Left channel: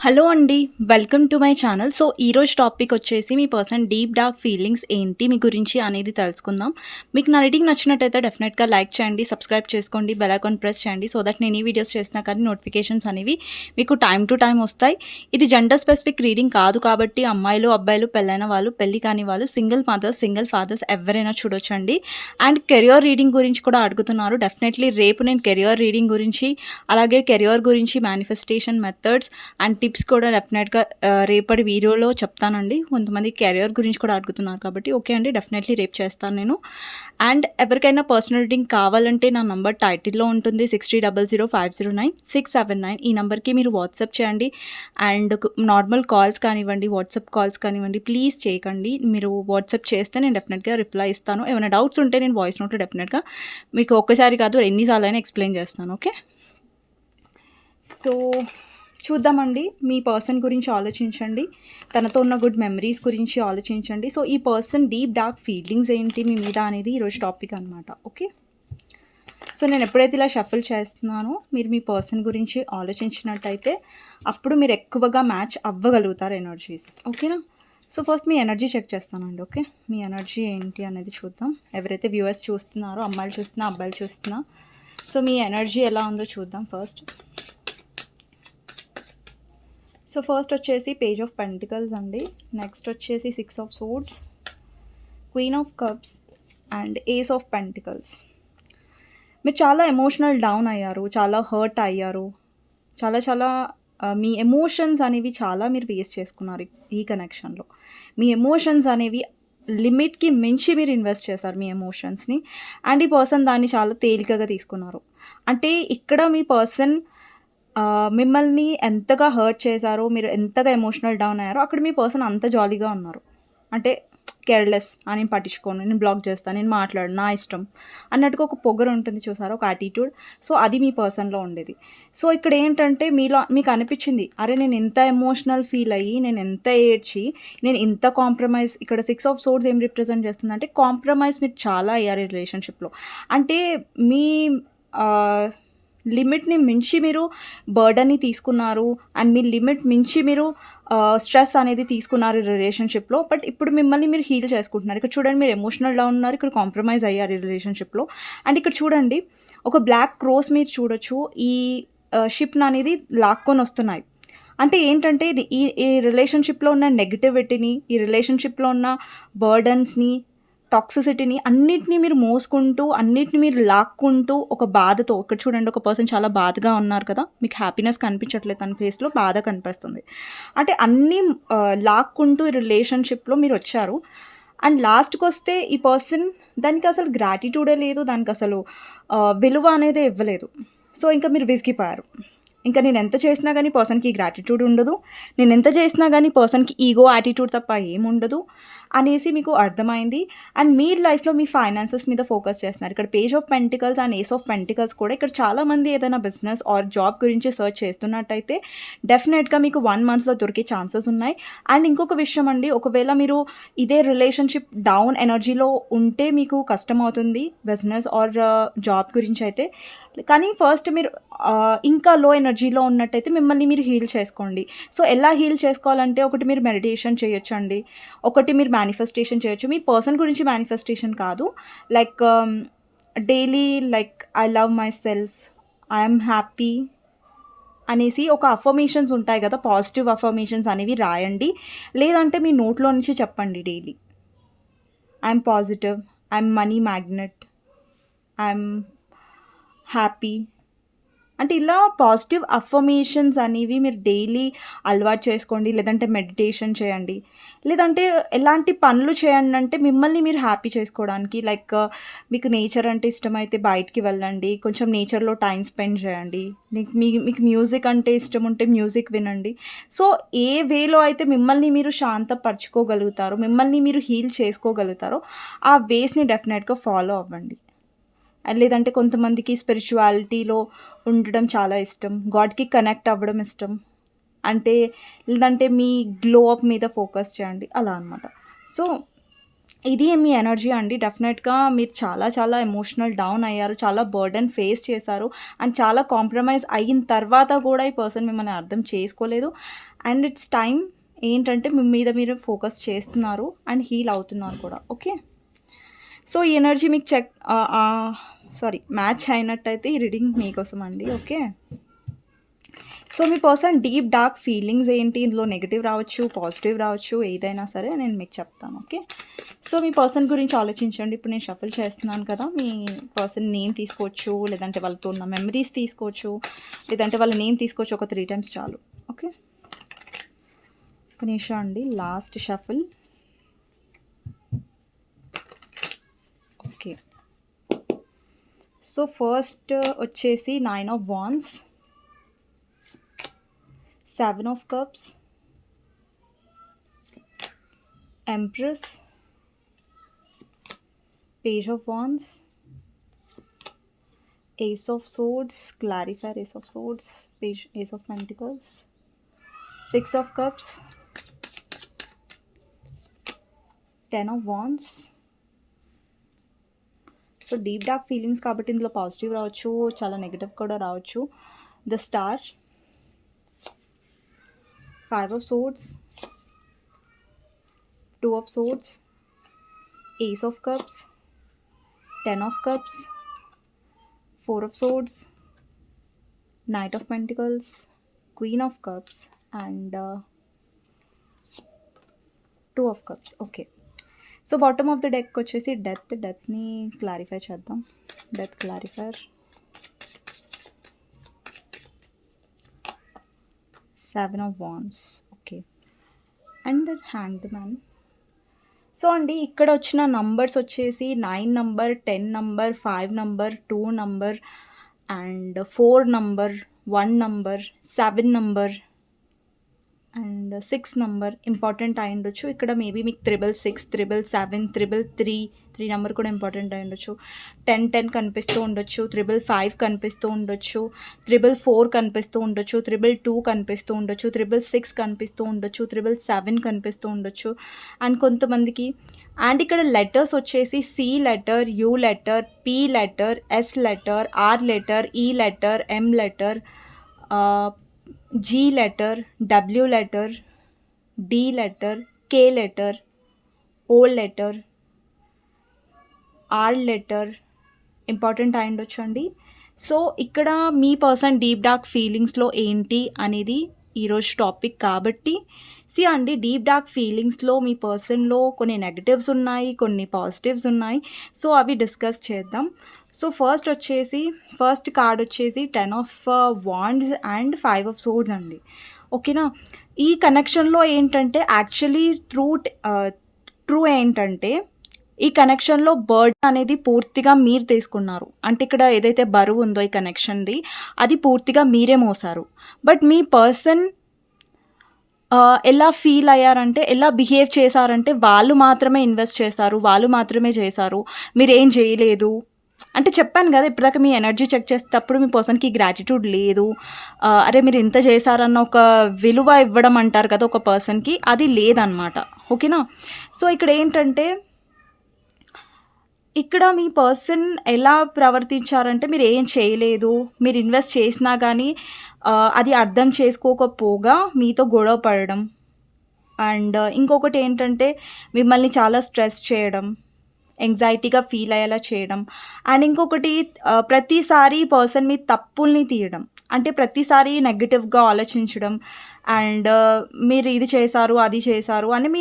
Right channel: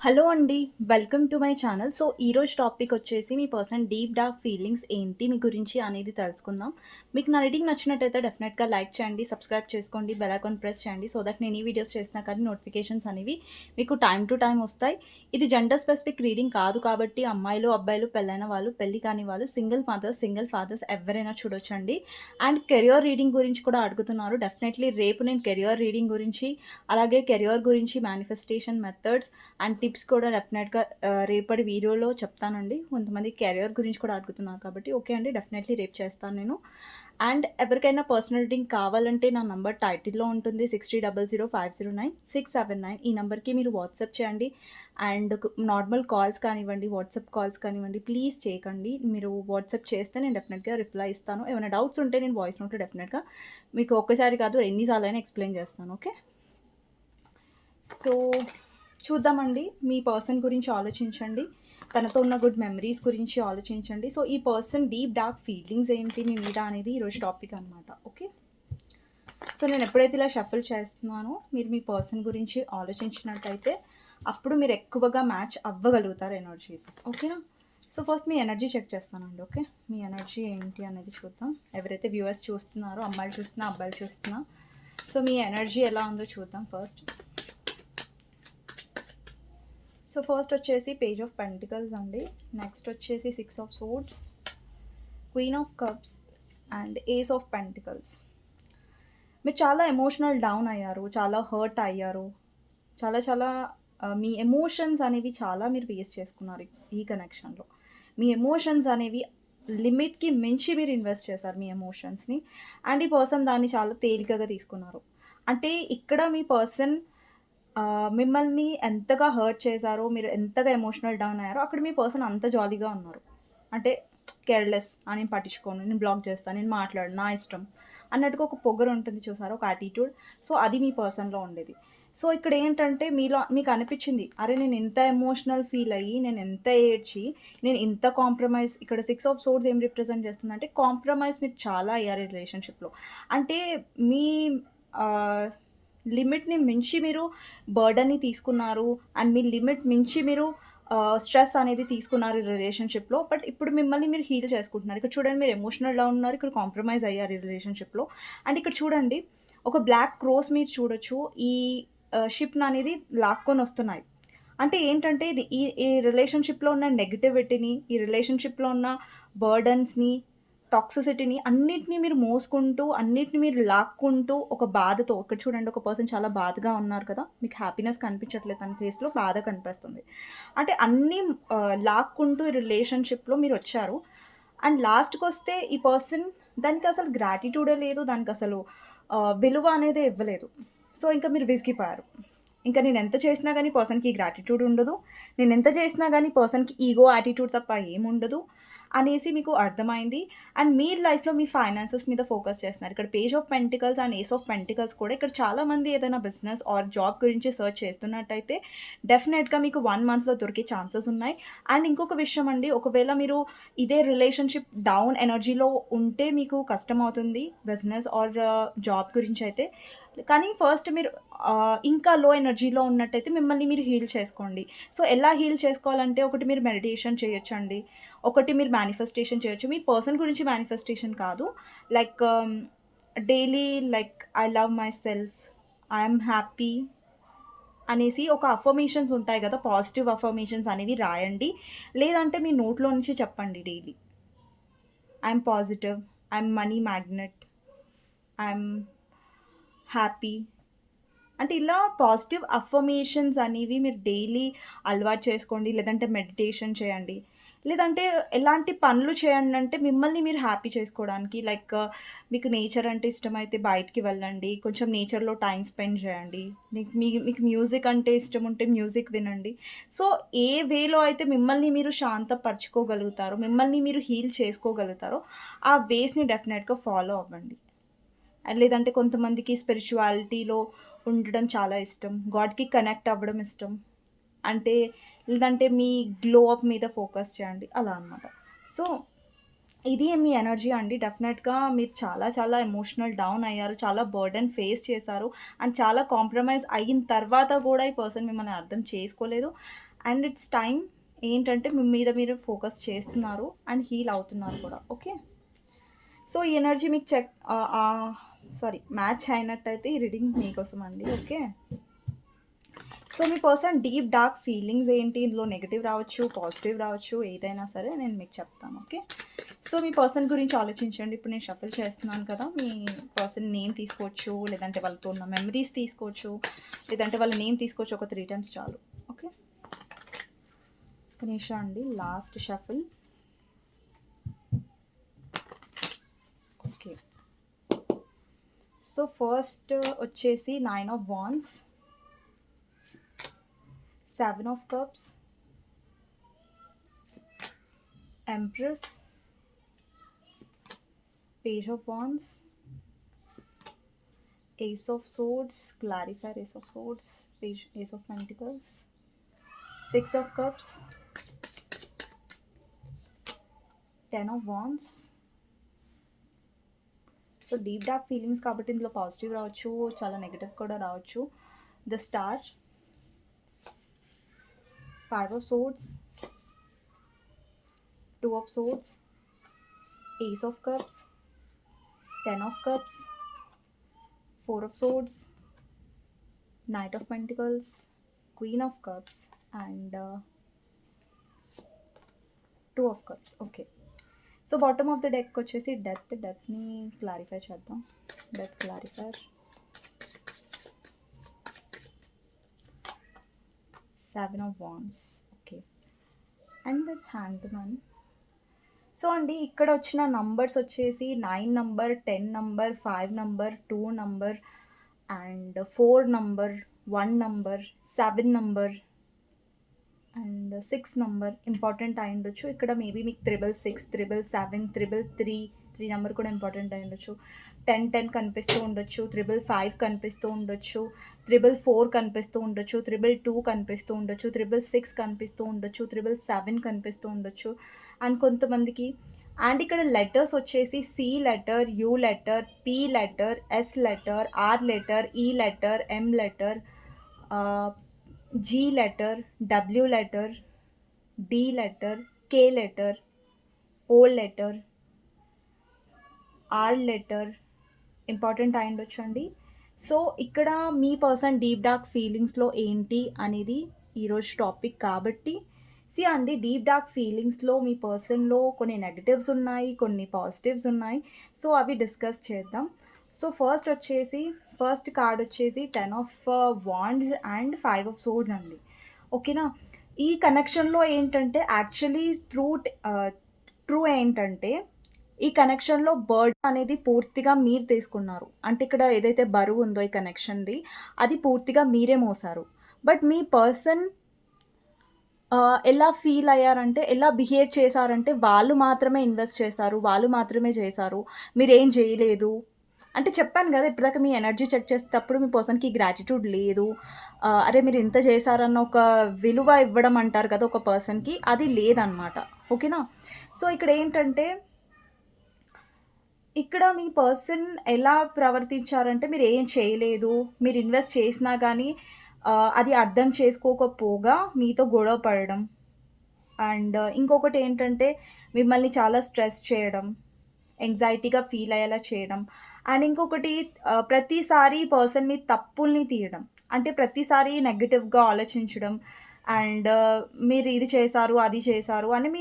Hello అండి. Welcome to my channel. So, ఈరోజు topic వచ్చేసి మీ పర్సన్ డీప్ డార్క్ ఫీలింగ్స్ ఏంటి మీ గురించి అనేది తెలుసుకుందాం. మీకు నా రీడింగ్ నచ్చినట్టయితే డెఫినెట్‌గా లైక్ చేయండి, సబ్స్క్రైబ్ చేసుకోండి, బెల్ ఐకాన్ ప్రెస్ చేయండి. సో దట్ నేను ఈ వీడియోస్ చేసినా కానీ నోటిఫికేషన్స్ అనేవి మీకు టైమ్ టు టైమ్ వస్తాయి. ఇది జెండర్ స్పెసిఫిక్ రీడింగ్ కాదు కాబట్టి అమ్మాయిలు, అబ్బాయిలు, పెళ్ళైన వాళ్ళు, పెళ్లి కాని వాళ్ళు, సింగిల్ మదర్స్, సింగిల్ ఫాదర్స్ ఎవరైనా చూడొచ్చండి. అండ్ కెరియర్ రీడింగ్ గురించి కూడా అడుగుతున్నారు. డెఫినెట్‌లీ రేపు నేను కెరియర్ రీడింగ్ గురించి, అలాగే కెరియర్ గురించి మేనిఫెస్టేషన్ మెథడ్స్ అండ్ టిప్స్ కూడా డెఫినెట్‌గా రేపటి వీడియోలో చెప్తానండి. కొంతమంది కెరియర్ గురించి కూడా అడుగుతున్నారు కాబట్టి ఓకే అండి. డెఫినెట్‌లీ రేపు చేస్తాను నేను. అండ్ ఎవరికైనా పర్సనల్ రీడింగ్ కావాలంటే నా నంబర్ టైటిల్‌లో ఉంటుంది. 6300509679 ఈ నంబర్‌కి మీరు వాట్సాప్ చేయండి. అండ్ నార్మల్ కాల్స్ కానివ్వండి, వాట్సాప్ కాల్స్ కానివ్వండి ప్లీజ్ చేయకండి. మీరు వాట్సాప్ చేస్తే నేను డెఫినెట్‌గా రిప్లై ఇస్తాను. ఏమైనా డౌట్స్ ఉంటే నేను వాయిస్ నోట్‌లో డెఫినెట్‌గా మీకు ఒక్కసారి కాదు ఎన్ని సార్లైనా ఎక్స్‌ప్లెయిన్ చేస్తాను. ఓకే. సో చూద్దామండి. మీ పర్సన్ గురించి ఆలోచించండి. తనతో ఉన్న గుడ్ మెమరీస్ గురించి ఆలోచించండి. సో, ఈ పర్సన్ డీప్ డార్క్ ఫీలింగ్స్ ఏంటి మీ మీద అనేది ఈరోజు టాపిక్ అనమాట. ఓకే. సో, నేను ఎప్పుడైతే ఇలా షఫుల్ చేస్తున్నానో మీరు మీ పర్సన్ గురించి ఆలోచించినట్టయితే అప్పుడు మీరు ఎక్కువగా మ్యాచ్ అవ్వగలుగుతారు ఎనర్జీస్. ఓకేనా? సో, ఫస్ట్ మీ ఎనర్జీ చెక్ చేస్తానండి. ఓకే. మీ ఎనర్జీ ఏంటి అనేది చూద్దాం. ఎవరైతే వ్యూవర్స్ చూస్తున్నారో అమ్మాయిలు చూస్తున్నా, అబ్బాయిలు చూస్తున్నా. సో, మీ ఎనర్జీ ఎలా ఉందో చూద్దాం ఫస్ట్. సో ఫస్ట్ వచ్చేసి పేజ్ ఆఫ్ పెంటికల్స్ అండి. నెక్స్ట్ వచ్చేసి 6 of swords, queen of cups and ace of pentacles. మీరు చాలా ఎమోషనల్ డౌన్ అయ్యారు, చాలా హర్ట్ అయ్యారు, చాలా చాలా మీ ఎమోషన్స్ అనేవి చాలా మీరు వేస్ట్ చేసుకున్నారు ఈ కనెక్షన్లో. మీ ఎమోషన్స్ అనేవి లిమిట్కి మించి మీరు ఇన్వెస్ట్ చేశారు మీ ఎమోషన్స్ని. అండ్ ఈ పర్సన్ దాన్ని చాలా తేలికగా తీసుకున్నారు. అంటే ఇక్కడ మీ పర్సన్ మిమ్మల్ని ఎంతగా హర్ట్ చేశారో, మీరు ఎంతగా ఎమోషనల్ డౌన్ అయ్యారో, అక్కడ మీ పర్సన్ అంత జాలీగా ఉన్నారు. అంటే కేర్‌లెస్ నేను పట్టించుకోను, నేను బ్లాక్ చేస్తాను, నేను మాట్లాడను, నా ఇష్టం అన్నట్టుగా ఒక పొగరు ఉంటుంది చూసారా, ఒక యాటిట్యూడ్. సో, అది మీ పర్సన్‌లో ఉండేది. సో, ఇక్కడ ఏంటంటే మీలో మీకు అనిపించింది, అరే నేను ఎంత ఎమోషనల్ ఫీల్ అయ్యి, నేను ఎంత ఏడ్చి, నేను ఇంత కాంప్రమైజ్. ఇక్కడ 6 ఆఫ్ సోర్డ్స్ ఏం రిప్రజెంట్ చేస్తుందంటే కాంప్రమైజ్ మీరు చాలా అయ్యారు ఈ రిలేషన్‌షిప్‌లో. అంటే మీ ఆహ్ లిమిట్‌ని మించి మీరు బర్డెన్‌ని తీసుకున్నారు. అండ్ మీ లిమిట్ మించి మీరు స్ట్రెస్ అనేది తీసుకున్నారు ఈ రిలేషన్‌షిప్‌లో. బట్ ఇప్పుడు మిమ్మల్ని మీరు హీల్ చేసుకుంటున్నారు. ఇక్కడ చూడండి మీరు ఎమోషనల్ డౌన్ ఉన్నారు. ఇక్కడ కాంప్రమైజ్ అయ్యారు ఈ రిలేషన్‌షిప్‌లో. అండ్ ఇక్కడ చూడండి ఒక బ్లాక్ క్రోస్ మీరు చూడొచ్చు. ఈ షిప్‌ననేది లాక్కొనొస్తున్నాయి. అంటే ఏంటంటే ఇది ఈ ఈ రిలేషన్‌షిప్‌లో ఉన్న నెగటివిటీని, ఈ రిలేషన్‌షిప్‌లో ఉన్న బర్డెన్స్‌ని, టాక్సిసిటీని అన్నిటిని మీరు మోసుకుంటూ, అన్నిటిని మీరు లాక్కుంటూ ఒక బాధతో ఇక్కడ చూడండి ఒక పర్సన్ చాలా బాధగా ఉన్నారు కదా! మీకు హ్యాపీనెస్ కనిపించట్లేదు తన ఫేస్‌లో బాధ కనిపిస్తుంది. అంటే అన్నీ లాక్కుంటూ ఈ రిలేషన్‌షిప్‌లో మీరొచ్చారు. అండ్ లాస్ట్‌కొస్తే ఈ పర్సన్ దానికసలు గ్రాటిట్యూడే లేదు. దానికసలు విలువ అనేదే ఇవ్వలేదు. సో, ఇంక మీరు విసిగిపోయారు. ఇంక నేనెంత చేసినా గానీ పర్సన్‌కి గ్రాటిట్యూడ్ ఉండదు. నేనెంత చేసినా గానీ పర్సన్‌కి ఈగో, యాటిట్యూడ్ తప్ప ఏముండదు అనేసి మీకు అర్థమైంది. అండ్ మీరు లైఫ్‌లో మీ ఫైనాన్సెస్ మీద ఫోకస్ చేస్తున్నారు. ఇక్కడ page of pentacles and ace of pentacles కూడా ఇక్కడ చాలామంది ఏదైనా బిజినెస్ ఆర్ జాబ్ గురించి సెర్చ్ చేస్తున్నట్టయితే డెఫినెట్‌గా మీకు 1 మంత్‌లో దొరికే ఛాన్సెస్ ఉన్నాయి. అండ్ ఇంకొక విషయం అండి, ఒకవేళ మీరు ఇదే రిలేషన్‌షిప్ డౌన్ ఎనర్జీలో ఉంటే మీకు కష్టమవుతుంది బిజినెస్ ఆర్ జాబ్ గురించయితే. కానీ ఫస్ట్ మీరు ఇంకా లో ఎనర్జీలో ఉన్నట్టయితే మిమ్మల్ని మీరు హీల్ చేసుకోండి. సో, ఎలా హీల్ చేసుకోవాలంటే ఒకటి మీరు మెడిటేషన్ చేయొచ్చండి. ఒకటి మీరు మేనిఫెస్టేషన్ చేయొచ్చు. మీ పర్సన్ గురించి మేనిఫెస్టేషన్ కాదు. Like daily like I love my self, I am happy అనేసి ఒక అఫర్మేషన్స్ ఉంటాయి గదా! పాజిటివ్ అఫర్మేషన్స్ అనేవి రాయండి. లేదంటే మీ నోట్లో నుంచి చెప్పండి daily. I am positive, I am money magnet, I am happy. అంటే ఇలా పాజిటివ్ అఫర్మేషన్స్ అనేవి మీరు డైలీ అలవాటు చేసుకోండి. లేదంటే మెడిటేషన్ చేయండి. లేదంటే ఎలాంటి పనులు చేయండి అంటే మిమ్మల్ని మీరు హ్యాపీ చేసుకోవడానికి లైక్ మీకు నేచర్ అంటే ఇష్టమైతే బయటికి వెళ్ళండి. కొంచెం నేచర్‌లో టైమ్ స్పెండ్ చేయండి. మీకు మ్యూజిక్ అంటే ఇష్టం ఉంటే మ్యూజిక్ వినండి. సో, ఏ వేలో అయితే మిమ్మల్ని మీరు శాంతపరుచుకోగలుగుతారో, మిమ్మల్ని మీరు హీల్ చేసుకోగలుగుతారో ఆ వేస్‌ని డెఫినెట్‌గా ఫాలో అవ్వండి. లేదంటే కొంతమందికి స్పిరిచువాలిటీలో ఉండడం చాలా ఇష్టం. గాడ్‌కి కనెక్ట్ అవ్వడం ఇష్టం. అంటే లేదంటే మీ గ్లో అప్ మీద ఫోకస్ చేయండి. అలా అనమాట. సో, ఇది మీ ఎనర్జీ అండి. డెఫినెట్‌గా మీరు చాలా చాలా ఎమోషనల్ డౌన్ అయ్యారు. చాలా బర్డెన్ ఫేస్ చేశారు. అండ్ చాలా కాంప్రమైజ్ అయిన తర్వాత కూడా ఈ పర్సన్ మిమ్మల్ని అర్థం చేసుకోలేదు. అండ్ ఇట్స్ టైమ్ ఏంటంటే మీ మీద మీరు ఫోకస్ చేస్తున్నారు అండ్ హీల్ అవుతున్నారు కూడా. ఓకే. సో ఈ ఎనర్జీ మీకు మ్యాచ్ అయినట్టయితే ఈ రీడింగ్ మీకోసం అండి. ఓకే. సో మీ పర్సన్ డీప్ డార్క్ ఫీలింగ్స్ ఏంటి, ఇందులో నెగిటివ్ రావచ్చు, పాజిటివ్ రావచ్చు, ఏదైనా సరే నేను మీకు చెప్తాను. ఓకే. సో మీ పర్సన్ గురించి ఆలోచించండి. ఇప్పుడు నేను షఫల్ చేస్తున్నాను కదా, మీ పర్సన్ నేమ్ తీసుకోవచ్చు, లేదంటే వాళ్ళతో ఉన్న మెమరీస్ తీసుకోవచ్చు, లేదంటే వాళ్ళ నేమ్ తీసుకోవచ్చు. ఒక 3 times చాలు. ఓకే. ఒక నిమిషం అండి, last shuffle. Okay. So first వచ్చేసి 9 of Wands, 7 of Cups, Empress, Page of Wands, Ace of Swords, clarifier Ace of Swords, Ace of Pentacles, 6 of Cups, 10 of Wands. So deep dark feelings కాబట్టి ఇందులో positive రావచ్చు, చాలా negative కూడా రావచ్చు. The star, 5 of Swords, 2 of Swords, Ace of Cups, 10 of Cups, 4 of Swords, Knight of Pentacles, Queen of Cups and 2 of Cups. Okay. So bottom of the deck వచ్చేసి డెత్ని clarify చేద్దాం. Death clarifier, 7 of Wands. Okay. And hanged man. So అండి ఇక్కడ వచ్చిన numbers వచ్చేసి 9 number, 10 number, 5 number, 2 number and 4 number, 1 number, 7 number and 6 number important అయి ఉండొచ్చు. ఇక్కడ maybe మీకు 666, 777, 333 నెంబర్ కూడా ఇంపార్టెంట్ అయి ఉండొచ్చు. 1010 కనిపిస్తూ ఉండొచ్చు, 555 కనిపిస్తూ ఉండొచ్చు, 444 కనిపిస్తూ ఉండొచ్చు, 222 కనిపిస్తూ ఉండొచ్చు, 666 కనిపిస్తూ ఉండొచ్చు, 777 కనిపిస్తూ ఉండొచ్చు. అండ్ కొంతమందికి అండ్ ఇక్కడ లెటర్స్ వచ్చేసి C letter, U letter, P letter, S letter, R letter, E letter, M letter, G letter, W letter, D letter, K letter, O letter, R letter important అయి ఉండొచ్చండి. సో ఇక్కడ మీ person deep dark ఫీలింగ్స్లో ఏంటి అనేది ఈరోజు topic కాబట్టి అండి deep dark ఫీలింగ్స్లో మీ పర్సన్లో కొన్ని negatives ఉన్నాయి, కొన్ని పాజిటివ్స్ ఉన్నాయి. సో అవి డిస్కస్ చేద్దాం. సో ఫస్ట్ కార్డ్ వచ్చేసి 10 of Wands and 5 of Swords అండి. ఓకేనా. ఈ కనెక్షన్లో ఏంటంటే యాక్చువల్లీ ట్రూ ఏంటంటే ఈ కనెక్షన్లో బర్డెన్ అనేది పూర్తిగా మీరు తీసుకున్నారు. అంటే ఇక్కడ ఏదైతే బరువు ఉందో ఈ కనెక్షన్ది అది పూర్తిగా మీరే మోసారు. బట్ మీ పర్సన్ ఎలా ఫీల్ అయ్యారంటే, ఎలా బిహేవ్ చేశారంటే వాళ్ళు మాత్రమే ఇన్వెస్ట్ చేశారు, వాళ్ళు మాత్రమే చేశారు, మీరేం చేయలేదు. అంటే చెప్పాను కదా ఇప్పటిదాకా మీ ఎనర్జీ చెక్ చేసేటప్పుడు మీ పర్సన్కి గ్రాటిట్యూడ్ లేదు. అరే మీరు ఇంత చేశారన్న ఒక విలువ ఇవ్వడం అంటారు కదా ఒక పర్సన్కి, అది లేదనమాట. ఓకేనా. సో ఇక్కడ ఏంటంటే ఇక్కడ మీ పర్సన్ ఎలా ప్రవర్తించారంటే మీరు ఏం చేయలేదు, మీరు ఇన్వెస్ట్ చేసినా కానీ అది అర్థం చేసుకోకపోగా మీతో గొడవ పడడం. అండ్ ఇంకొకటి ఏంటంటే మిమ్మల్ని చాలా స్ట్రెస్ చేయడం, యాంగ్జైటీగా ఫీల్ అయ్యేలా చేయడం. అండ్ ఇంకొకటి ప్రతిసారి పర్సన్ మీ తప్పుల్ని తీయడం. అంటే ప్రతిసారి నెగటివ్గా ఆలోచించడం. అండ్ మీరు ఇది చేశారు, అది చేశారు అని మీ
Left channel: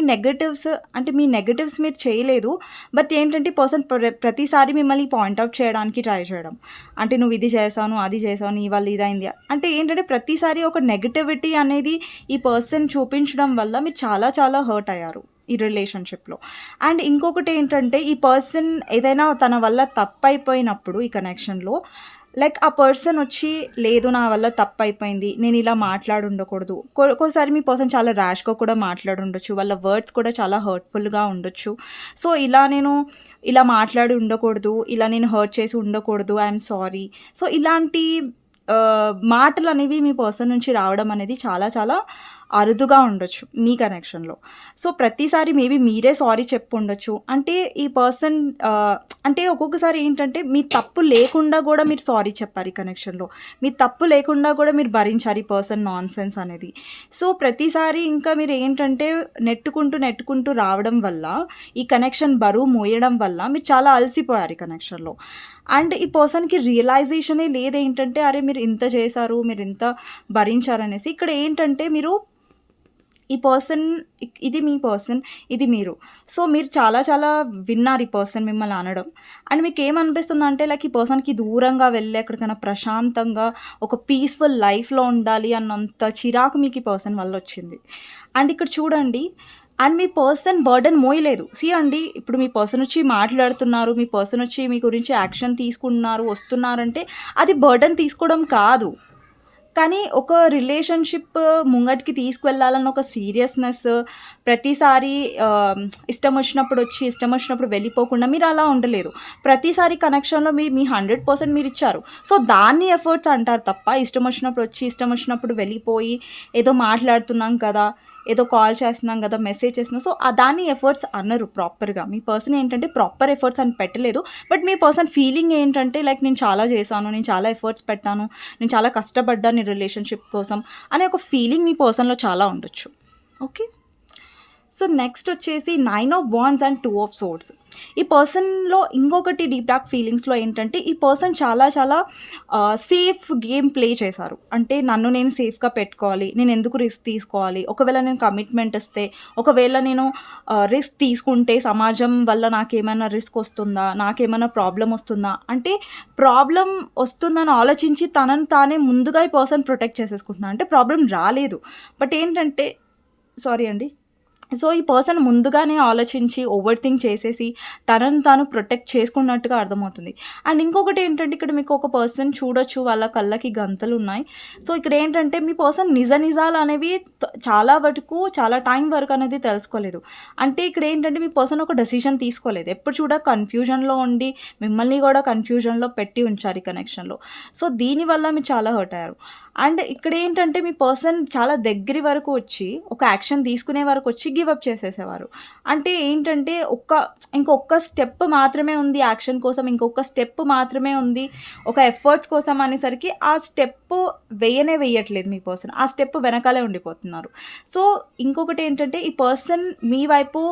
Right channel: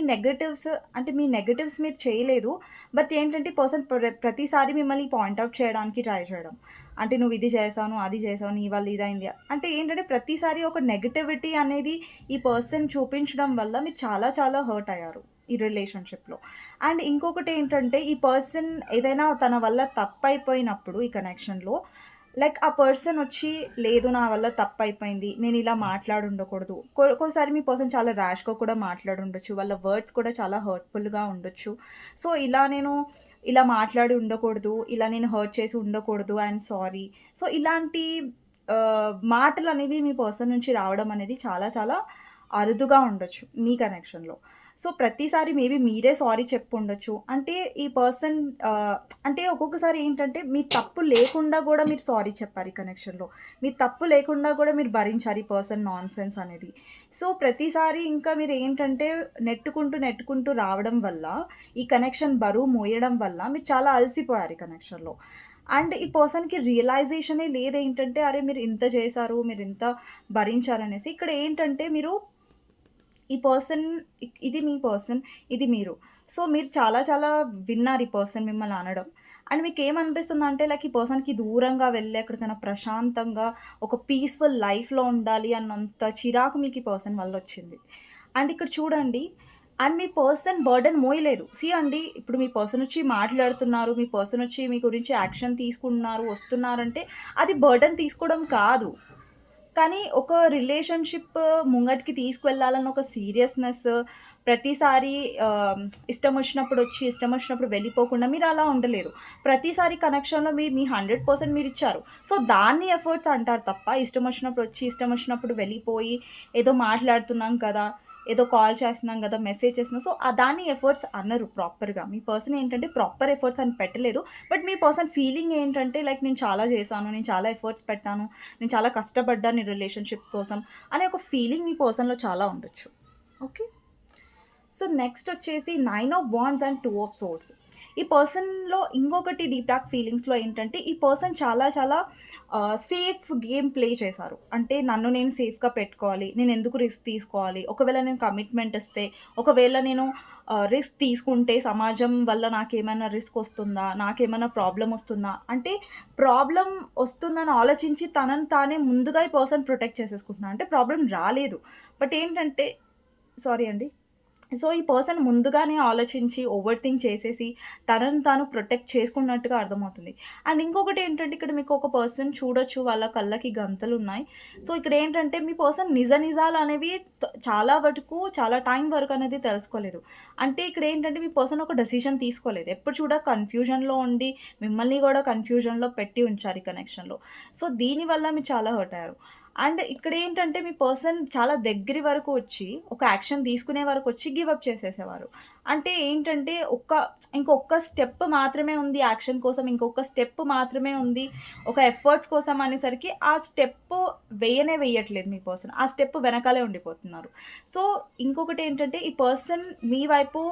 నెగటివ్స్ మీరు చేయలేదు. బట్ ఏంటంటే పర్సన్ ప్రతిసారి మిమ్మల్ని పాయింట్అవుట్ చేయడానికి ట్రై చేయడం. అంటే నువ్వు ఇది చేశాను, అది చేశాను, నీ వల్ల ఇదైంది. అంటే ఏంటంటే ప్రతిసారి ఒక నెగటివిటీ అనేది ఈ పర్సన్ చూపించడం వల్ల మీరు చాలా చాలా హర్ట్ అయ్యారు ఈ రిలేషన్షిప్లో. అండ్ ఇంకొకటి ఏంటంటే ఈ పర్సన్ ఏదైనా తన వల్ల తప్పైపోయినప్పుడు ఈ కనెక్షన్లో లైక్ ఆ పర్సన్ వచ్చి లేదు నా వల్ల తప్పైపోయింది, నేను ఇలా మాట్లాడి ఉండకూడదు. ఒక్కోసారి మీ పర్సన్ చాలా ర్యాష్గా కూడా మాట్లాడి ఉండొచ్చు, వాళ్ళ వర్డ్స్ కూడా చాలా హర్ట్ఫుల్గా ఉండొచ్చు. సో నేను ఇలా మాట్లాడి ఉండకూడదు, ఇలా నేను హర్ట్ చేసి ఉండకూడదు, ఐఎమ్ సారీ. సో ఇలాంటి మాటలనేవి మీ పర్సన్ నుంచి రావడం అనేది చాలా చాలా అరుదుగా ఉండొచ్చు మీ కనెక్షన్‌లో. సో, ప్రతిసారి మేబీ మీరే సారీ చెప్పుండొచ్చు. అంటే ఈ పర్సన్ అంటే ఒక్కొక్కసారి ఏంటంటే మీ తప్పు లేకుండా గూడా మీరు సారీ చెప్పారు ఈ కనెక్షన్‌లో. మీ తప్పు లేకుండా గూడా మీరు భరించారు ఈ పర్సన్ నాన్‌సెన్స్ అనేది. సో, ప్రతిసారి ఇంకా మీరేంటంటే నెట్టుకుంటూ రావడం వల్ల, ఈ కనెక్షన్ బరువు మోయడం వల్ల మీరు చాలా అలసిపోయారు ఈ కనెక్షన్‌లో. అండ్ ఈ పర్సన్‌కి రియలైజేషనే లేదేంటంటే, అరే! మీరు ఇంత చేశారు, మీరింత భరించారనేసి. ఇక్కడ ఏంటంటే మీరు ఈ పర్సన్ ఇది మీ పర్సన్, ఇది మీరు. సో, మీరు చాలా చాలా విన్నారు ఈ పర్సన్ మిమ్మల్ని అనడం. అండ్ మీకేమనిపిస్తుందంటే లైక్ ఈ పర్సన్‌కి దూరంగా వెళ్ళి ఎక్కడికైనా ప్రశాంతంగా ఒక పీస్‌ఫుల్ లైఫ్‌లో ఉండాలి అన్నంత చిరాకు మీకు ఈ పర్సన్ వల్లొచ్చింది. అండ్ ఇక్కడ చూడండి అండ్ మీ పర్సన్ బర్డెన్ మోయలేదు. సీ అండి, ఇప్పుడు మీ పర్సన్ వచ్చి మాట్లాడుతున్నారు, మీ పర్సన్ వచ్చి మీ గురించి యాక్షన్ తీసుకుంటున్నారు, వస్తున్నారంటే అది బర్డెన్ తీసుకోవడం కాదు. కానీ ఒక రిలేషన్‌షిప్ ముంగటికి తీసుకువెళ్ళాలన్న ఒక సీరియస్‌నెస్ ప్రతిసారి ఇష్టం వచ్చినప్పుడు వచ్చి, ఇష్టం వచ్చినప్పుడు వెళ్ళిపోకుండా మీరలా ఉండలేదు. ప్రతిసారి కనెక్షన్‌లో మీ 100% మీరిచ్చారు. సో, దాన్ని ఎఫర్ట్స్ అంటారు తప్ప, ఇష్టం వచ్చినప్పుడు వచ్చి, ఇష్టం వచ్చినప్పుడు వెళ్ళిపోయి, ఏదో మాట్లాడుతున్నాం కదా! ఏదో కాల్ చేస్తున్నాం గదా! మెసేజ్ చేస్తున్నాం. సో, దాన్ని ఎఫర్ట్స్ అనరు ప్రాపర్‌గా. మీ పర్సన్ ఏంటంటే ప్రాపర్ ఎఫర్ట్స్ అని పెట్టలేదు. బట్ మీ పర్సన్ ఫీలింగ్ ఏంటంటే లైక్ నేను చాలా చేశాను, నేను చాలా ఎఫర్ట్స్ పెట్టాను, నేను చాలా కష్టపడ్డాను ఈ రిలేషన్‌షిప్ కోసం అనే ఒక ఫీలింగ్ మీ పర్సన్‌లో చాలా ఉండొచ్చు. ఓకే. సో, నెక్స్ట్ వచ్చేసి 9 of wands and 2 of swords. ఈ పర్సన్‌లో ఇంకొకటి డీప్ డార్క్ ఫీలింగ్స్‌లో ఏంటంటే, ఈ పర్సన్ చాలా చాలా సేఫ్ గేమ్ ప్లే చేశారు. అంటే నన్ను నేను సేఫ్‌గా పెట్టుకోవాలి, నేనెందుకు రిస్క్ తీసుకోవాలి, ఒకవేళ నేను కమిట్మెంట్ ఇస్తే, ఒకవేళ నేను రిస్క్ తీసుకుంటే సమాజం వల్ల నాకేమైనా రిస్క్ వస్తుందా, నాకేమైనా ప్రాబ్లమ్ వస్తుందా, అంటే ప్రాబ్లమ్ వస్తుందని ఆలోచించి తనని తానే ముందుగా ఈ పర్సన్ ప్రొటెక్ట్ చేసేసుకుంటున్నారు. అంటే ప్రాబ్లమ్ రాలేదు. బట్ ఏంటంటే సారీ అండి. సో, ఈ పర్సన్ ముందుగానే ఆలోచించి ఓవర్ థింక్ చేసేసి తనను తాను ప్రొటెక్ట్ చేసుకున్నట్టుగా అర్థమవుతుంది. అండ్ ఇంకొకటేంటంటే ఇక్కడ మీకు ఒక పర్సన్ చూడొచ్చు, వాళ్ళ కళ్ళకి గంతలున్నాయి. సో, ఇక్కడేంటంటే మీ పర్సన్ నిజాలనేవి చాలా వరకు చాలా టైం వరకు అనేది తెలుసుకోలేదు. అంటే ఇక్కడేంటంటే మీ పర్సన్ ఒక డెసిషన్ తీసుకోలేదు. ఎప్పుడు కన్‌ఫ్యూజన్‌లో ఉండి మిమ్మల్ని గూడా కన్‌ఫ్యూజన్‌లో పెట్టి ఉంచారు ఈ కనెక్షన్‌లో. సో, దీనివల్ల మీరు చాలా హర్ట్ అయ్యారు. అండ్ ఇక్కడేంటంటే మీ పర్సన్ చాలా దగ్గరి వరకు వచ్చి, ఒక యాక్షన్ తీసుకునే వరకొచ్చి గివ్ అప్ చేసేసేవారు. అంటే ఏంటంటే ఇంకొక్క స్టెప్ మాత్రమే ఉంది యాక్షన్ కోసం, ఇంకొక స్టెప్ మాత్రమే ఉంది ఒక ఎఫర్ట్స్ కోసం అనేసరికి ఆ స్టెప్పు వెయ్యట్లేదు మీ పర్సన్. ఆ స్టెప్ వెనకాలే ఉండిపోతున్నారు. సో, ఇంకొకటేంటంటే ఈ పర్సన్ మీ వైపు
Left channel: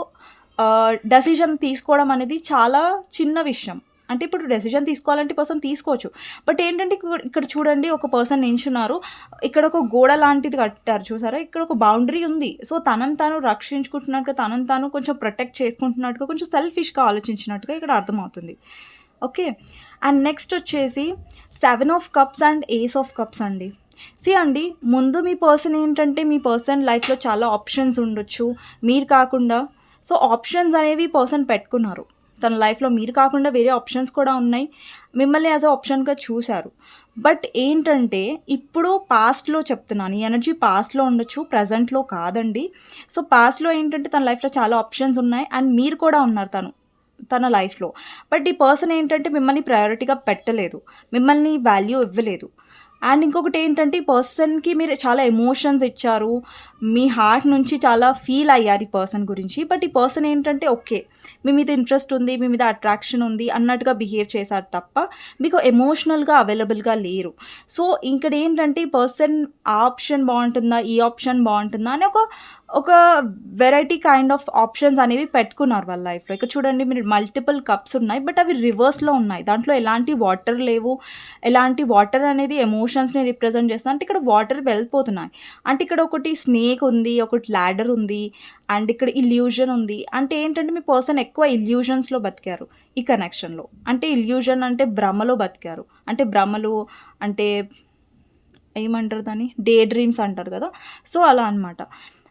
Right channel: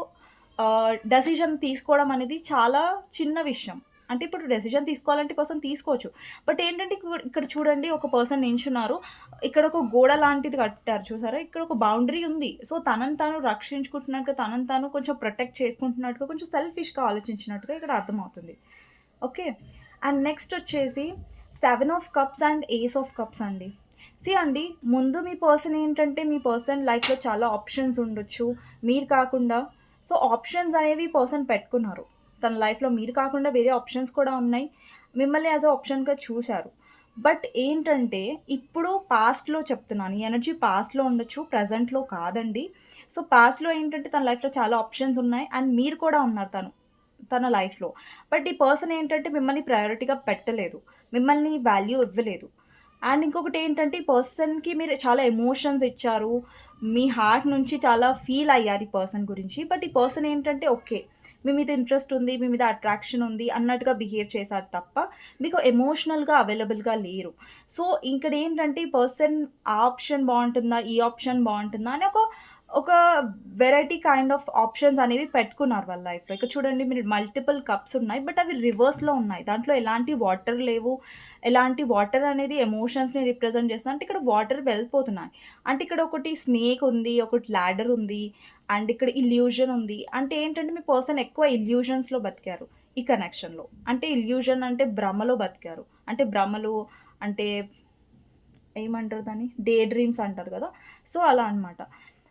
డెసిషన్ తీసుకోవడం అనేది చాలా చిన్న విషయం. అంటే ఇప్పుడు డెసిషన్ తీసుకోవాలంటే పర్సన్ తీసుకోవచ్చు. బట్ ఏంటంటే ఇక్కడ చూడండి, ఒక పర్సన్ నించున్నారు. ఇక్కడ ఒక గోడ లాంటిది కట్టారు చూసారా? ఇక్కడ ఒక బౌండరీ ఉంది. సో, తనని తాను రక్షించుకుంటున్నట్టుగా, తనని తాను కొంచెం ప్రొటెక్ట్ చేసుకుంటున్నట్టుగా, కొంచెం సెల్ఫిష్‌గా ఆలోచించినట్టుగా ఇక్కడ అర్థమవుతుంది. ఓకే. అండ్ నెక్స్ట్ వచ్చేసి 7 of cups and ace of cups అండి. సీ అండి, ముందు మీ పర్సన్ ఏంటంటే మీ పర్సన్ లైఫ్‌లో చాలా ఆప్షన్స్ ఉండొచ్చు, మీరు కాకుండా. సో, ఆప్షన్స్ అనేవి పర్సన్ పెట్టుకున్నారు. తన లైఫ్‌లో మీరు కాకుండా వేరే ఆప్షన్స్ కూడా ఉన్నాయి. మిమ్మల్ని యాస్ ఎ ఆప్షన్‌గా చూసారు. బట్ ఏంటంటే ఇప్పుడు పాస్ట్‌లో చెప్తున్నాను. ఈ ఎనర్జీ పాస్ట్‌లో ఉండొచ్చు, ప్రెజెంట్‌లో కాదండి. సో, పాస్ట్‌లో ఏంటంటే తన లైఫ్‌లో చాలా ఆప్షన్స్ ఉన్నాయి అండ్ మీరు కూడా ఉన్నారు తన లైఫ్‌లో. బట్ ఈ పర్సన్ ఏంటంటే మిమ్మల్ని ప్రయారిటీగా పెట్టలేదు. మిమ్మల్ని వాల్యూ ఇవ్వలేదు. అండ్ ఇంకొకటేంటంటే ఈ పర్సన్‌కి మీరు చాలా ఎమోషన్స్ ఇచ్చారు. మీ హార్ట్ నుంచి చాలా ఫీల్ అయ్యారు ఈ పర్సన్ గురించి. బట్ ఈ పర్సన్ ఏంటంటే ఓకే, మీ మీద ఇంట్రెస్ట్ ఉంది, మీ మీద అట్రాక్షన్ ఉంది అన్నట్టుగా బిహేవ్ చేశారు తప్ప, మీకు ఎమోషనల్‌గా అవైలబుల్‌గా లేరు. సో, ఇక్కడేంటంటే ఈ పర్సన్ ఆ ఆప్షన్ బావుంటుందా, ఈ ఆప్షన్ బావుంటుందా అని ఒక వెరైటీ కైండ్ ఆఫ్ ఆప్షన్స్ అనేవి పెట్టుకున్నారు వాళ్ళ లైఫ్‌లో. ఇక్కడ చూడండి, మీరు మల్టిపుల్ కప్స్ ఉన్నాయి. బట్ అవి రివర్స్‌లో ఉన్నాయి. దాంట్లో ఎలాంటి వాటర్ లేవు. ఎలాంటి వాటర్ అనేది ఎమోషన్స్‌ని రిప్రజెంట్ చేస్తుంది. అంటే ఇక్కడ వాటర్ వెళ్ళిపోతున్నాయి. అంటే ఇక్కడ ఒకటి స్నేక్ ఉంది, ఒకటి లాడర్ ఉంది, అండ్ ఇక్కడ ఇల్యూజన్ ఉంది. అంటే ఏంటంటే మీ పర్సన్ ఎక్కువ ఇల్యూజన్స్‌లో బతికారు ఈ కనెక్షన్‌లో. అంటే ఇల్యూజన్ అంటే భ్రమలో బతికారు. అంటే భ్రమలు అంటే ఏమంటారు దాన్ని? డే డ్రీమ్స్ అంటారు కదా! సో, అలా అనమాట.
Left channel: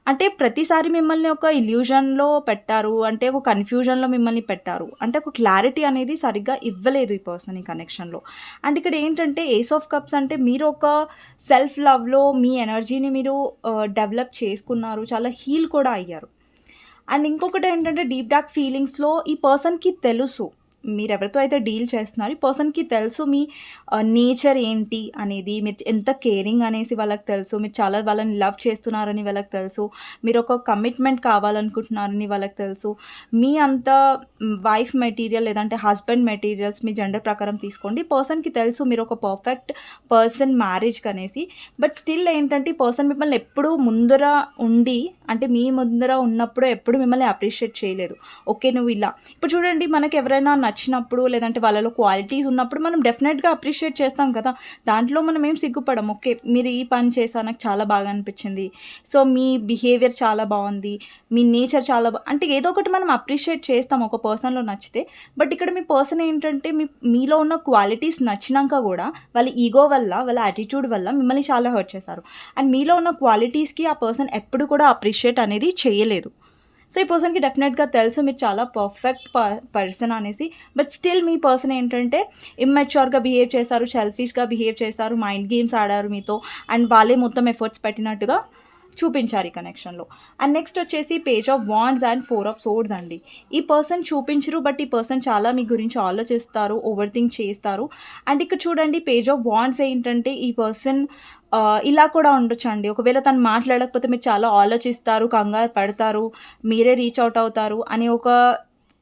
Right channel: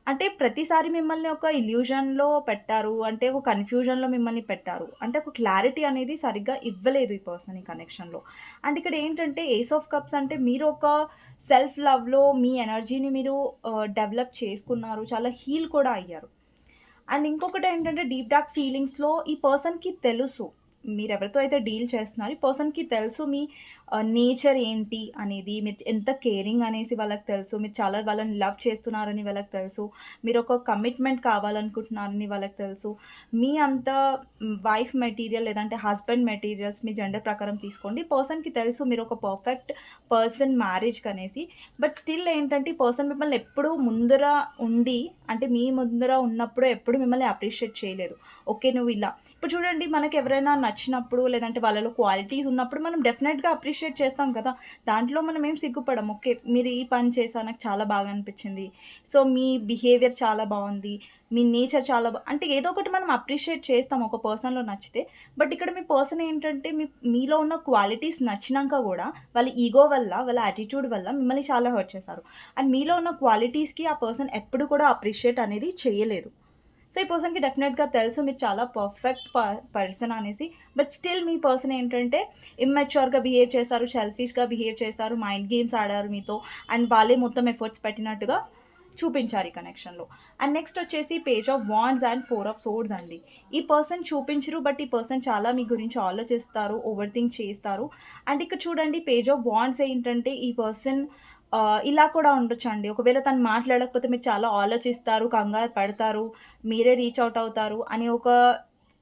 అంటే ప్రతిసారి మిమ్మల్ని ఒక ఇల్యూజన్‌లో పెట్టారు. అంటే ఒక కన్‌ఫ్యూజన్‌లో మిమ్మల్ని పెట్టారు. అంటే ఒక క్లారిటీ అనేది సరిగ్గా ఇవ్వలేదు ఈ పర్సన్ ఈ కనెక్షన్‌లో. అండ్ ఇక్కడ ఏంటంటే ఏస్ ఆఫ్ కప్స్ అంటే మీరు ఒక సెల్ఫ్ లవ్‌లో మీ ఎనర్జీని మీరు డెవలప్ చేసుకున్నారు. చాలా హీల్ కూడా అయ్యారు. అండ్ ఇంకొకటేంటంటే డీప్ డార్క్ ఫీలింగ్స్‌లో ఈ పర్సన్‌కి తెలుసు మీరెవరితో అయితే డీల్ చేస్తున్నారో ఈ పర్సన్‌కి తెలుసు మీ నేచర్ ఏంటి అనేది, మీరు ఎంత కేరింగ్ అనేసి వాళ్ళకి తెలుసు. మీరు చాలా వాళ్ళని లవ్ చేస్తున్నారని వాళ్ళకి తెలుసు. మీరొక కమిట్మెంట్ కావాలనుకుంటున్నారని వాళ్ళకి తెలుసు. మీ అంత వైఫ్ మెటీరియల్ లేదంటే హస్బెండ్ మెటీరియల్స్ మీ జెండర్ ప్రకారం తీసుకోండి. ఈ పర్సన్‌కి తెలుసు మీరొక పర్ఫెక్ట్ పర్సన్ మ్యారేజ్‌కనేసి. బట్ స్టిల్ ఏంటంటే ఈ పర్సన్ మిమ్మల్ని ఎప్పుడూ ముందర ఉండి అంటే మీ ముందర ఉన్నప్పుడు ఎప్పుడు మిమ్మల్ని అప్రిషియేట్ చేయలేదు. ఓకే. నువ్వు ఇలా ఇప్పుడు చూడండి మనకెవరైనా నచ్చినప్పుడు లేదంటే వాళ్ళలో క్వాలిటీస్ ఉన్నప్పుడు మనం డెఫినెట్‌గా అప్రిషియేట్ చేస్తాం కదా! దాంట్లో మనం ఏం సిగ్గుపడం. ఓకే. మీరు ఈ పని చేశారు నాకు చాలా బాగా అనిపించింది. సో, మీ బిహేవియర్ చాలా బావుంది. మీ నేచర్ చాలా అంటే ఏదో ఒకటి మనం అప్రిషియేట్ చేస్తాం ఒక పర్సన్‌లో నచ్చితే. బట్ ఇక్కడ మీ పర్సన్ ఏంటంటే మీలో ఉన్న క్వాలిటీస్ నచ్చినంక గూడా వాళ్ళ ఈగో వల్ల, వాళ్ళ యాటిట్యూడ్ వల్ల మిమ్మల్ని చాలా హర్ట్ చేశారు. అండ్ మీలో ఉన్న క్వాలిటీస్‌కి ఆ పర్సన్ ఎప్పుడు కూడా అప్రిషియేట్ అనేది చేయలేదు. సో, ఈ పర్సన్‌కి డెఫినెట్‌గా తెలుసు మీరు చాలా పర్ఫెక్ట్ పర్సన్ అనేసి. బట్ స్టిల్ మీ పర్సన్ ఏంటంటే ఇమ్మెచ్యూర్‌గా బిహేవ్ చేశారు, సెల్ఫిష్‌గా బిహేవ్ చేశారు, మైండ్ గేమ్స్ ఆడారు మీతో. అండ్ వాళ్ళే మొత్తం ఎఫర్ట్స్ పెట్టినట్టుగా చూపించారు ఈ కనెక్షన్‌లో. అండ్ నెక్స్ట్ వచ్చేసి page of wands and 4 of swords అండి. ఈ పర్సన్ చూపించరు. బట్ ఈ పర్సన్ చాలా మీ గురించి ఆలోచిస్తారు, ఓవర్ థింక్ చేస్తారు. అండ్ ఇక్కడ చూడండి పేజ్ ఆఫ్ వాండ్స్ ఏంటంటే ఈ పర్సన్ ఇలా కూడా ఉండొచ్చండి. ఒకవేళ తను మాట్లాడకపోతే మీరు చాలా ఆలోచిస్తారు, కంగారు పడతారు, మీరే రీచ్ ఔట్ అవుతారు అనే ఒక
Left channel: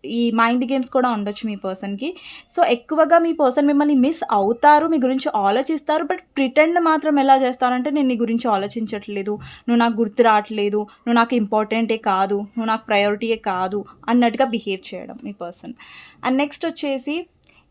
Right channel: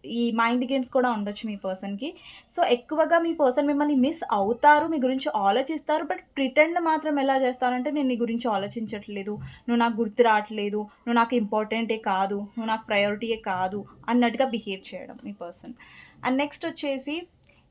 ఈ మైండ్ గేమ్స్ కూడా ఉండొచ్చు మీ పర్సన్‌కి. సో, ఎక్కువగా మీ పర్సన్ మిమ్మల్ని మిస్ అవుతారు, మీ గురించి ఆలోచిస్తారు. బట్ ప్రిటెండ్ మాత్రం ఎలా చేస్తారంటే నేను నీ గురించి ఆలోచించట్లేదు, నువ్వు నాకు గుర్తు రావట్లేదు, నువ్వు నాకు ఇంపార్టెంటే కాదు, నువ్వు నాకు ప్రయారిటీయే కాదు అన్నట్టుగా బిహేవ్ చేయడం మీ పర్సన్. అండ్ నెక్స్ట్ వచ్చేసి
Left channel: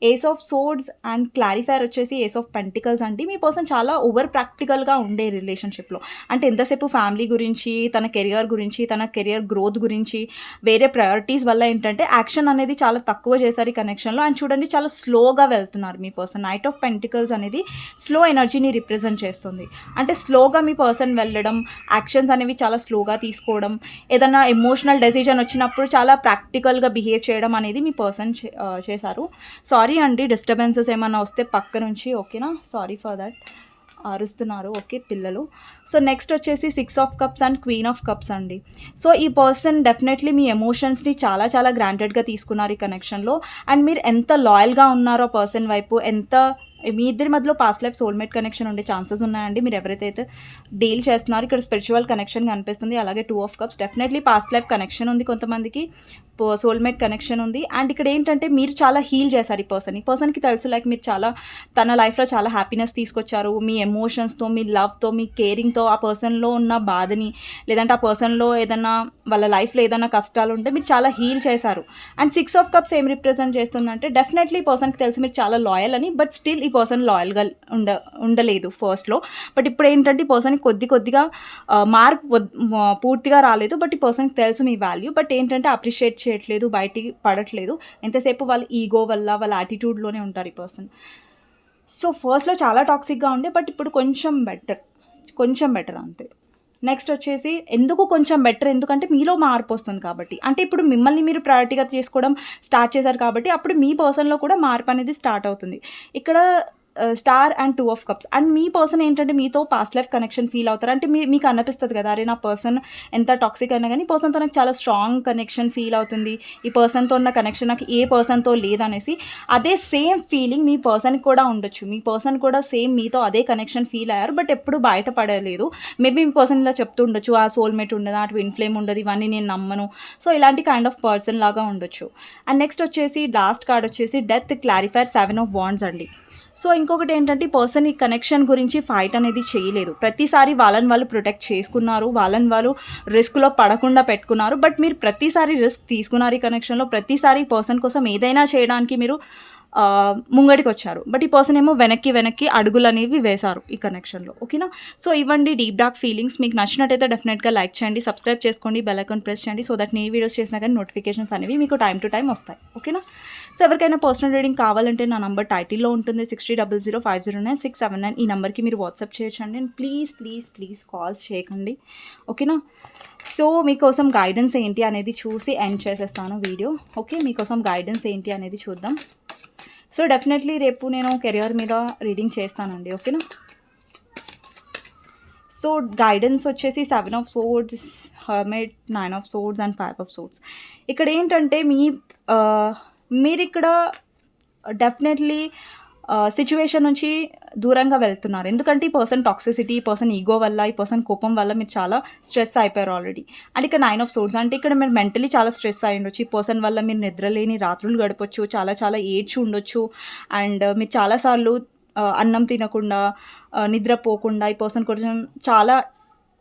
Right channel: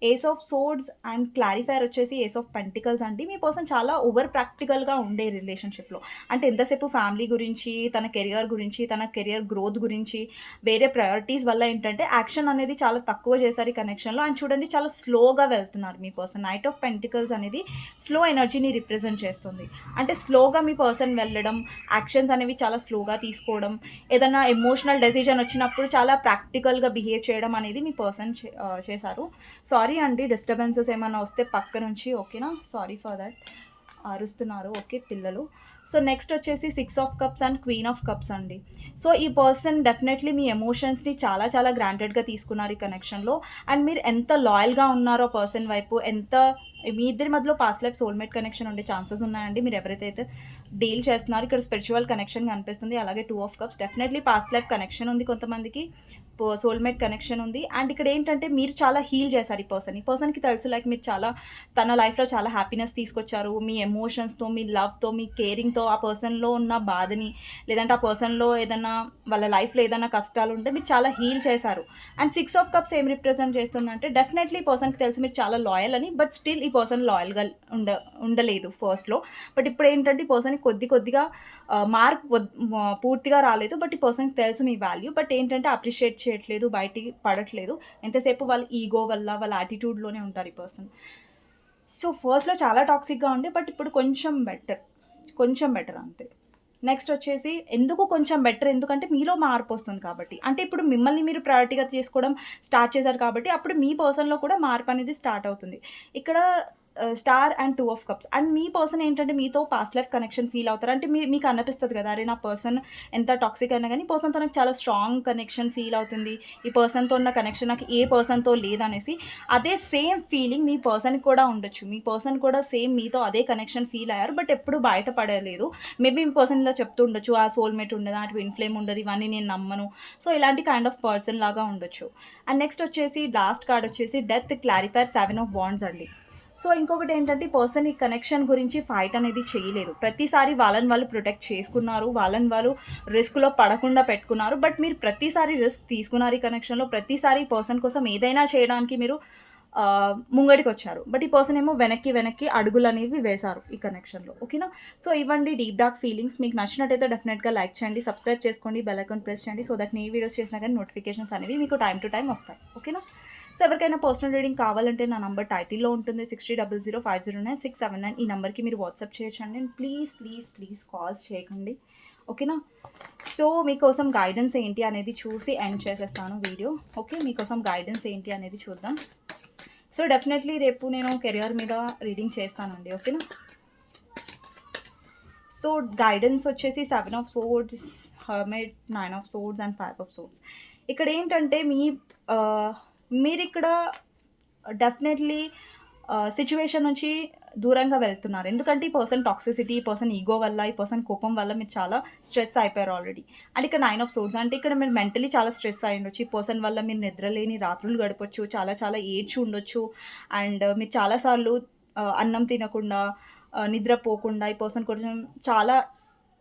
ace of swords and clarifier వచ్చేసి ఏస్ ఆఫ్ పెంటికల్స్ అండి. మీ పర్సన్ చాలా ఓవర్ ప్రాక్టికల్‌గా ఉండే రిలేషన్‌షిప్‌లో. అంటే ఎంతసేపు ఫ్యామిలీ గురించి, తన కెరియర్ గురించి, తన కెరియర్ గ్రోత్ గురించి, వేరే ప్రయారిటీస్ వల్ల ఏంటంటే యాక్షన్ అనేది చాలా తక్కువ చేశారు ఈ కనెక్షన్‌లో. అండ్ చూడండి చాలా స్లోగా వెళ్తున్నారు మీ పర్సన్. నైట్ ఆఫ్ పెంటికల్స్ అనేది స్లో ఎనర్జీని రిప్రజెంట్ చేస్తుంది. అంటే స్లోగా మీ పర్సన్ వెళ్ళడం, యాక్షన్స్ అనేవి చాలా స్లోగా తీసుకోవడం, ఏదన్నా ఎమోషనల్ డెసిషన్ వచ్చినప్పుడు చాలా ప్రాక్టికల్‌గా బిహేవ్ చేయడం అనేది మీ పర్సన్ చేశారు. సారీ అండి డిస్టర్బెన్సెస్ ఏమన్నా వస్తే పక్క నుంచి ఓకేనా? Sorry for that. అరుస్తున్నారు. ఓకే పిల్లలు. సో, నెక్స్ట్ వచ్చేసి 6 of cups and queen of cups అండి. సో, ఈ పర్సన్ డెఫినెట్‌లీ మీ ఎమోషన్స్‌ని చాలా చాలా గ్రాంటెడ్‌గా తీసుకున్నారు ఈ కనెక్షన్‌లో. అండ్ మీరు ఎంత లాయల్‌గా ఉన్నారో పర్సన్ వైపు, ఎంత మీ ఇద్దరి మధ్యలో పాస్ట్ లైఫ్ సోల్‌మేట్ కనెక్షన్ ఉండే ఛాన్సెస్ ఉన్నాయండి. మీరు ఎవరైతే అయితే డీల్ చేస్తున్నారో ఇక్కడ స్పిరిచువల్ కనెక్షన్ కనిపిస్తుంది. అలాగే 2 of cups definitely past life connection ఉంది కొంతమందికి. సోల్‌మేట్ కనెక్షన్ ఉంది. అండ్ ఇక్కడ ఏంటంటే మీరు చాలా హీల్ చేశారు ఈ పర్సన్‌ని. ఈ పర్సన్‌కి తెలుసు లైక్ మీరు చాలా తన లైఫ్‌లో చాలా హ్యాపీనెస్ తీసుకొచ్చారు. మీ ఎమోషన్స్‌తో, మీ లవ్‌తో, మీ కేరింగ్‌తో ఆ పర్సన్‌లో ఉన్న బాధని లేదంటే ఆ పర్సన్‌లో ఏదన్నా వాళ్ళ లైఫ్‌లో ఏదన్నా కష్టాలుంటే మీరు చాలా హీల్ చేశారు. అండ్ 6 ఆఫ్ కప్స్ ఏం రిప్రజెంట్ చేస్తుందంటే డెఫినెట్‌లీ ఈ పర్సన్‌కి తెలుసు మీరు చాలా లాయల్ అని. బట్ స్టిల్ ఈ పర్సన్ లాయల్‌గా ఉండలేదు ఫస్ట్‌లో. బట్ ఇప్పుడేంటంటే ఈ పర్సన్‌కి కొద్దిగా మార్పు పూర్తిగా రాలేదు. బట్ ఈ పర్సన్‌కి తెలుసు మీ వాల్యూ. బట్ ఏంటంటే అప్రిషియేట్ చేయట్లేదు, బయటికి పడట్లేదు. ఎంతసేపు వాళ్ళ ఈగో వల్ల, వాళ్ళ యాటిట్యూడ్‌లోనే ఉంటారు ఈ పర్సన్. సో, ఫస్ట్‌లో చాలా టాక్సిక్‌గా ఉండే. బట్ ఇప్పుడు కొంచెం బెటర్. కొంచెం బెటర్ అంతే. నెక్స్ట్ వచ్చేసి ఎందుకు కొంచెం బెటర్ ఎందుకంటే మీలో మార్పొస్తుంది కాబట్టి. అంటే ఇప్పుడు మిమ్మల్ని మీరు ప్రయారిటీగా చేసుకోవడం స్టార్ట్ చేశారు కాబట్టి అప్పుడు మీ పర్సన్‌లో కూడా మార్పనేది స్టార్ట్ అవుతుంది. ఇక్కడ star and 2 of cups. And మీ పర్సన్ ఏంటంటే మీతో పాస్ట్ లైఫ్ కనెక్షన్ ఫీల్ అవుతారు. అంటే మీకు అనిపిస్తది కదా! అరే! నా పర్సన్ ఎంత టాక్సిక్ అయినా గానీ ఈ పర్సన్‌తో నాకు చాలా స్ట్రాంగ్ కనెక్షన్ ఫీల్ అవుతుంది. ఈ పర్సన్‌తో ఉన్న కనెక్షన్ నాకు ఏ పర్సన్‌తో లేదనేసి. అదే సేమ్ ఫీలింగ్ మీ పర్సన్‌కి కూడా ఉండొచ్చు. మీ పర్సన్ కూడా సేమ్ మీతో అదే కనెక్షన్ ఫీల్ అయ్యారు. బట్ ఎప్పుడు బయట పడలేదు. మేబీ మీ పర్సన్ ఇలా చెప్తూ ఉండొచ్చు. ఆ సోల్‌మేట్ ఉండదు, ఆ ట్విన్ ఫ్లేమ్ ఉండదు, ఇవన్నీ నేను నమ్మను. సో, ఇలాంటి కైండ్ ఆఫ్ పర్సన్ లాగా ఉండొచ్చు. అండ్ నెక్స్ట్ వచ్చేసి లాస్ట్ కార్డ్ వచ్చేసి డెత్ క్లారిఫైర్ 7 ఆఫ్ వాండ్స్ అండి. సో, ఇంకొకటేంటంటే ఈ పర్సన్ ఈ కనెక్షన్ గురించి ఫైట్ అనేది చేయలేదు. ప్రతిసారి వాళ్ళని వాళ్ళు ప్రొటెక్ట్ చేసుకున్నారు. వాళ్ళని వాళ్ళు రిస్క్‌లో పడకుండా పెట్టుకున్నారు. బట్ మీరు ప్రతిసారి రిస్క్ తీసుకున్నారు ఈ కనెక్షన్‌లో. ప్రతిసారి ఈ పర్సన్ కోసం ఏదైనా చేయడానికి మీరు ముంగటికొచ్చారు. బట్ ఈ పర్సన్ ఏమో వెనక్కి అడుగులనేవి వేశారు ఈ కనెక్షన్‌లో. ఓకేనా? సో, ఇవ్వండి డీప్ డార్క్ ఫీలింగ్స్. మీకు నచ్చినట్టయితే డెఫినెట్‌గా లైక్ చేయండి, సబ్స్క్రైబ్ చేసుకోండి, బెల్ ఐకాన్ ప్రెస్ చేయండి. సో దట్ నేను వీడియోస్ చేసినా కానీ నోటిఫికేషన్స్ అనేవి మీకు టైమ్ టు టైమ్ వస్తాయి. ఓకేనా? సో, ఎవరికైనా పర్సనల్ రీడింగ్ కావాలంటే నా నంబర్ టైటిల్‌లో ఉంటుంది. 6000509679 ఈ నంబర్‌కి మీరు వాట్సాప్ చేయొచ్చండి. అండ్ ప్లీజ్ కాల్స్ చేయకండి. ఓకేనా? సో, మీకోసం గైడెన్స్ ఏంటి అనేది చూసి ఎండ్ చేసేస్తాను వీడియో. ఓకే. మీకోసం గైడెన్స్ ఏంటి అనేది చూద్దాం. సో, డెఫినెట్‌లీ రేపు నేను కెరియర్ మీద రీడింగ్ చేస్తానండి. ఓకేనా? సో, గైడెన్స్ వచ్చేసి 7 of swords, hermit, 9 of swords and 5 of swords. ఇక్కడేంటంటే మీరిక్కడ డెఫినెట్లీ సిట్యుయేషన్ నుంచి దూరంగా వెళ్తున్నారు. ఎందుకంటే ఈ పర్సన్ టాక్సిసిటీ, ఈ పర్సన్ ఈగో వల్ల, ఈ పర్సన్ కోపం వల్ల మీరు చాలా స్ట్రెస్ అయిపోయారు ఆల్రెడీ. అండ్ ఇక్కడ 9 ఆఫ్ సోర్డ్స్ అంటే ఇక్కడ మీరు మెంటలీ చాలా స్ట్రెస్ అయ్యుండొచ్చు. ఈ పర్సన్ వల్ల మీరు నిద్రలేని రాత్రులు గడపొచ్చు. చాలా చాలా ఏడ్చి ఉండొచ్చు. అండ్ మీరు చాలా సార్లు అన్నం తినకుండా, నిద్రపోకుండా ఈ పర్సన్ కొంచెం చాలా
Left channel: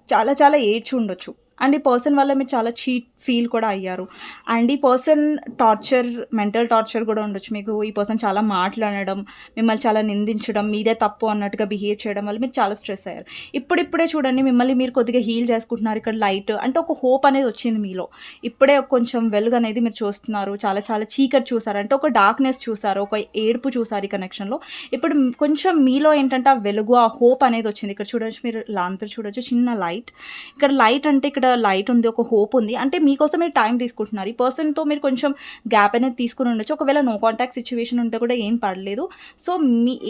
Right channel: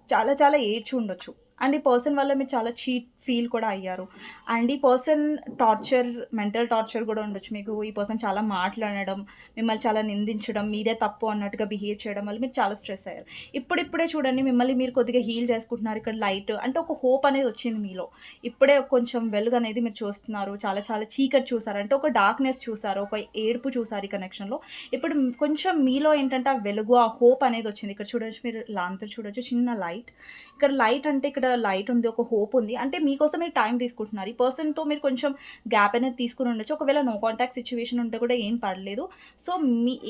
చాలా చాలా ఏడ్చి ఉండొచ్చు. అండ్ ఈ పర్సన్ వల్ల మీరు చాలా చీట్ ఫీల్ కూడా అయ్యారు. అండ్ ఈ పర్సన్ టార్చర్, మెంటల్ టార్చర్ కూడా ఉండొచ్చు మీకు. ఈ పర్సన్ చాలా మాట్లాడడం, మిమ్మల్ని చాలా నిందించడం, మీదే తప్పు అన్నట్టుగా బిహేవ్ చేయడం వల్ల మీరు చాలా స్ట్రెస్ అయ్యారు. ఇప్పుడిప్పుడే చూడండి మిమ్మల్ని మీరు కొద్దిగా హీల్ చేసుకుంటున్నారు. ఇక్కడ లైట్ అంటే ఒక హోప్ అనేది వచ్చింది మీలో. ఇప్పుడే కొంచెం వెలుగు అనేది మీరు చూస్తున్నారు. చాలా చాలా చీకటి చూసారు. అంటే ఒక డార్క్‌నెస్ చూసారు. ఒక ఏడుపు చూసారు ఈ కనెక్షన్‌లో. ఇప్పుడు కొంచెం మీలో ఏంటంటే ఆ వెలుగు, ఆ హోప్ అనేది వచ్చింది. ఇక్కడ చూడొచ్చు మీరు లాంతర్ చూడొచ్చు. చిన్న లైట్. ఇక్కడ లైట్ అంటే ఇక్కడ లైట్ ఉంది. ఒక హోప్ ఉంది. అంటే మీకోసం మీరు టైం తీసుకుంటున్నారు. ఈ పర్సన్‌తో మీరు కొంచెం గ్యాప్ అనేది తీసుకొని ఉండొచ్చు. ఒకవేళ నో కాంటాక్ట్ సిట్యుయేషన్ ఉంటే కూడా ఏం పర్లేదు. సో,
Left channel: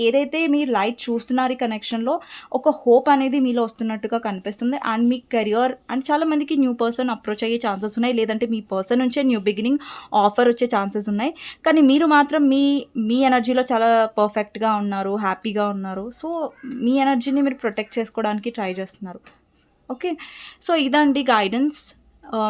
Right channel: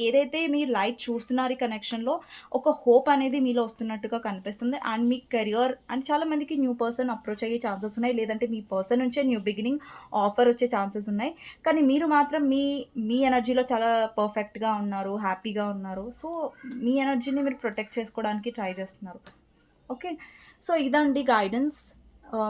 ఏదైతే మీరు లైట్ చూస్తున్నారు ఈ కనెక్షన్‌లో ఒక హోప్ అనేది మీలో వస్తున్నట్టుగా కనిపిస్తుంది. అండ్ మీ కెరియర్ అండ్ చాలామందికి న్యూ పర్సన్ అప్రోచ్ అయ్యే ఛాన్సెస్ ఉన్నాయి. లేదంటే మీ పర్సన్ నుంచే న్యూ బిగినింగ్ ఆఫర్ వచ్చే ఛాన్సెస్ ఉన్నాయి. కానీ మీరు మాత్రం మీ ఎనర్జీలో చాలా పర్ఫెక్ట్‌గా ఉన్నారు. హ్యాపీగా ఉన్నారు. సో, మీ ఎనర్జీని మీరు ప్రొటెక్ట్ చేసుకోవడానికి ట్రై చేస్తున్నారు. ఓకే. సో, ఇదండి గైడెన్స్.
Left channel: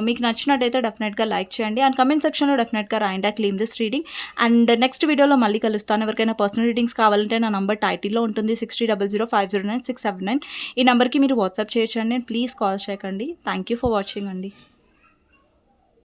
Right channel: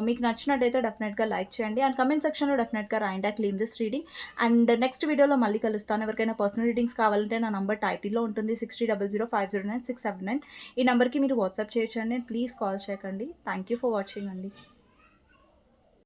మీకు నచ్చినట్టయితే డెఫినెట్‌గా లైక్ చేయండి. అండ్ కామెంట్ సెక్షన్‌లో డెఫినెట్‌గా రాయండి I claim this reading. And next వీడియోలో మళ్ళీ కలుస్తాను. ఎవరికైనా పర్సనల్ రీడింగ్స్ కావాలంటే నా నంబర్ టైటిల్‌లో ఉంటుంది 6000509679. ఈ నంబర్‌కి మీరు వాట్సాప్ చేయొచ్చండి. ప్లీజ్ కాల్ చేయకండి. థ్యాంక్ యూ ఫర్ వాచింగ్ అండి.